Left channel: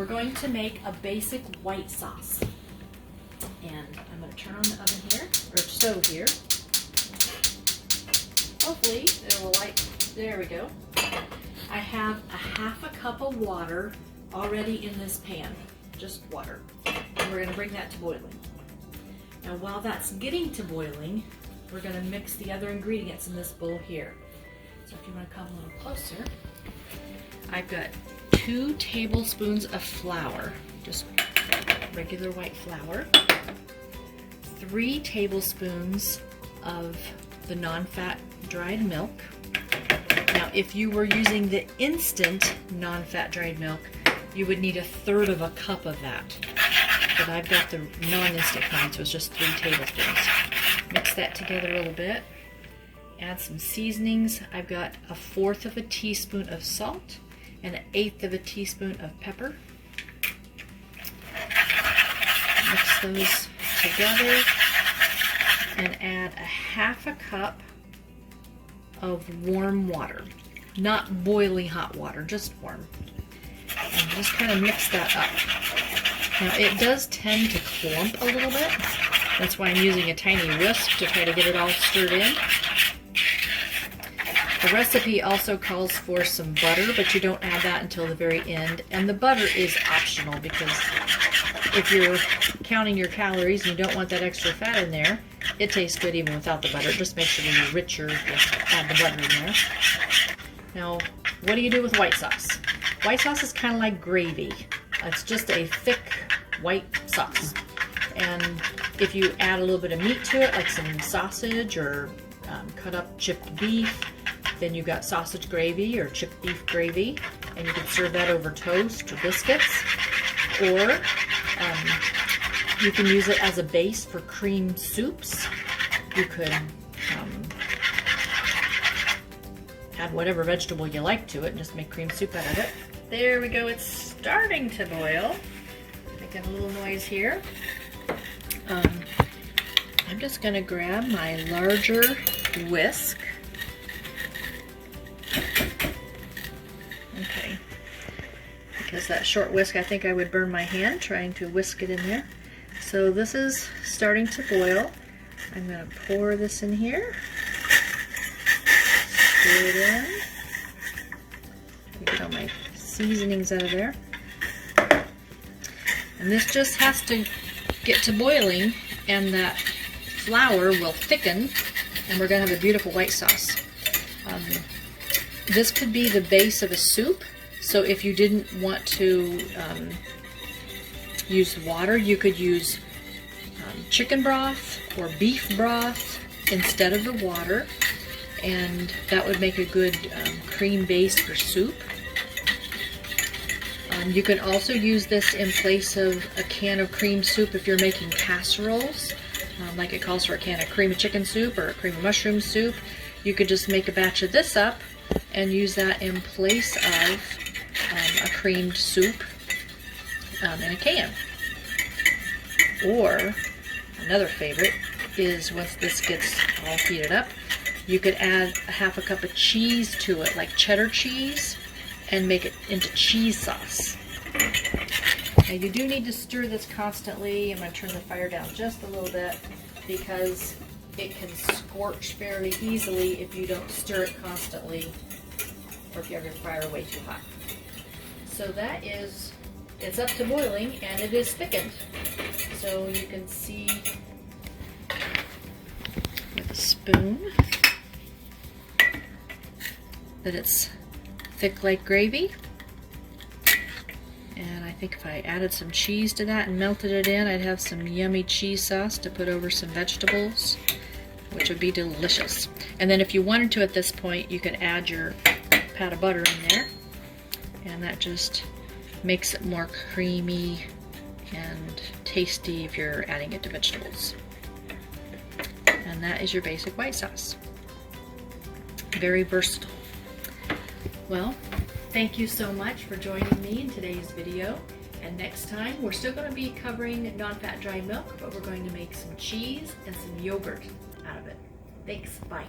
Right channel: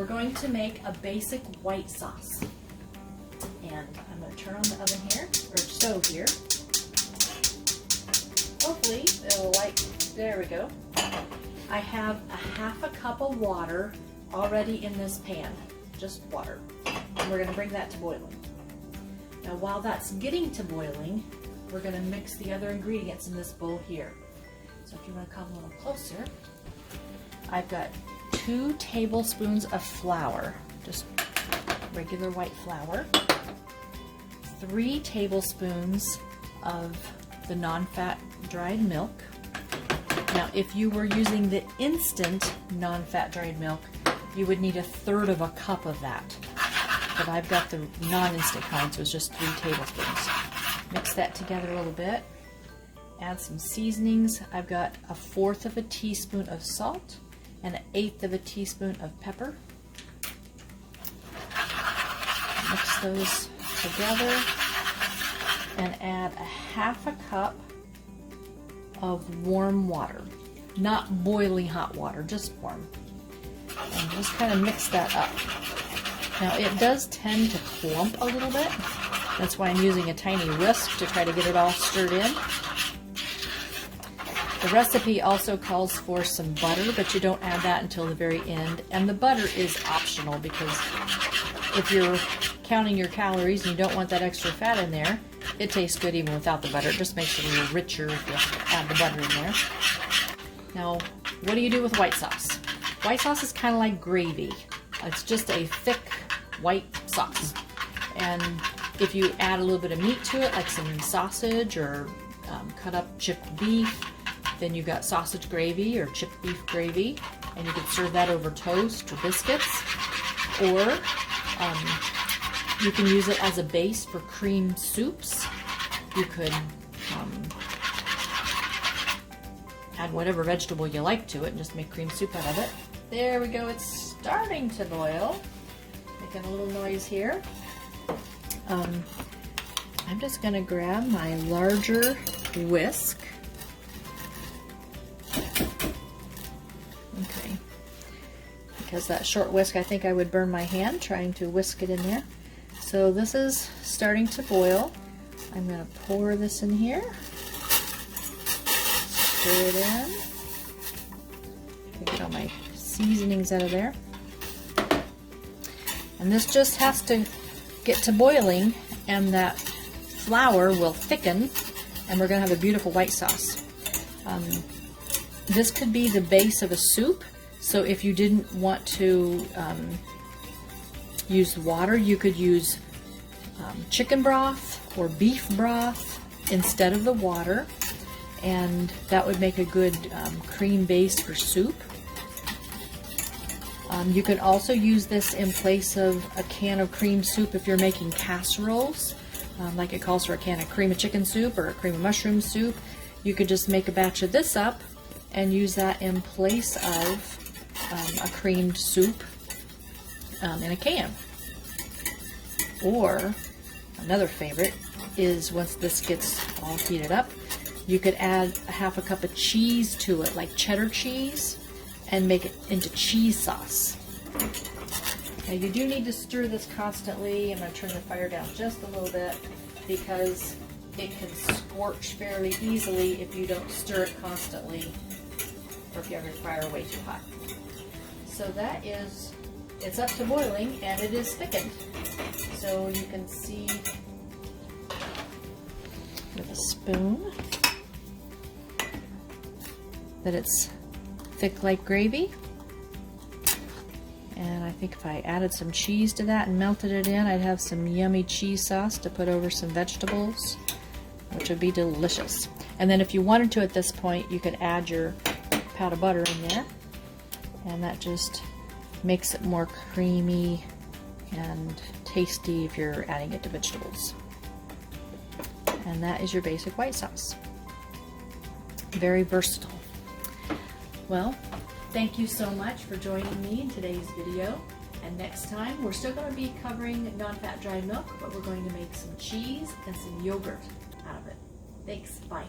we're going to make a basic white sauce. And I'm going to turn on the oven here, or stove here. Hopefully it will there we go. I have a half a cup of water already in this pan, just water. And we're going to bring that to boiling. Now while that's getting to boiling, we're going to mix the other ingredients in this bowl here. So if you want to come a little closer, I've got 2 tablespoons of flour, just regular white flour, 3 tablespoons of the non-fat dried milk. Now if you were using the instant non-fat dried milk, you would need 1/3 of a cup of that. But I've got the non-instant kind, so it's just 3 tablespoons. Mix that together a little bit. Add some seasonings. I've got 1/4 of a teaspoon of salt and 1/8 of a teaspoon of pepper. Mix those together and add 1/2 cup of warm water. Not boiling hot water, just warm. And just kind of mix that up. Now it does tend to clump a little bit. That's why I'm using a tiny whisk to try to get it all stirred in. The recipe also calls for some butter, but you don't add that until the very end. And the butter is optional because if you're counting your calories and you don't want that extra fat in there, it tastes good even without the butter. It just makes it a little richer if you add the butter in there. Now, what do you do with white sauce? White sauce is kind of like gravy. It's just a thick white sauce. And if you add a little bit of meat to it, like some sausage or cut up chipped beef, then you've got sausage gravy or chipped beef gravy, and you can serve that over toast or biscuits. Or you can use it as a base for cream soups. You could add whatever vegetable you like to it and just make cream soup out of it. There we go, it's starting to boil. Making a little noise here. I'm just going to grab my larger whisk. Okay. Because that short whisk, I think I would burn my hand trying to whisk it in there. So this is starting to boil. I'm going to pour this in here. Stir it in. Get all my seasonings out of there. And this just has to get to boiling, and that flour will thicken, and we're going to have a beautiful white sauce. This could be the base of a soup, so if you didn't want to use water, you could use chicken broth or beef broth instead of the water, and that would make a good cream base for soup. You could also use this in place of a can of cream soup if you're making casseroles, like it calls for a can of cream of chicken soup or a cream of mushroom soup. You could just make a batch of this up and use that in place of a creamed soup in a can. Or another favorite is once this gets all heated up, you could add 1/2 cup of cheese to it, like cheddar cheese, and make it into cheese sauce. Now you do need to stir this constantly. I'm going to turn the fire down just a little bit because it can scorch very easily if you don't stir it constantly or if you have your fire way too hot. So that is, it's up to boiling and it is thickened. So you can see with a spoon that it's thick like gravy. And I think if I added some cheese to that and melted it in, I'd have some yummy cheese sauce to put over some vegetables, which would be delicious. And then if you wanted to at this point, you could add your pat of butter in there, and that just makes it more creamy and tasty if you're adding it to vegetables. And that is your basic white sauce. Very versatile. Well, thank you so much for joining me in today's video. And next time, we're still going to be covering non-fat dried milk, but we're going to make some cheese and some yogurt out of it. Thanks. Bye.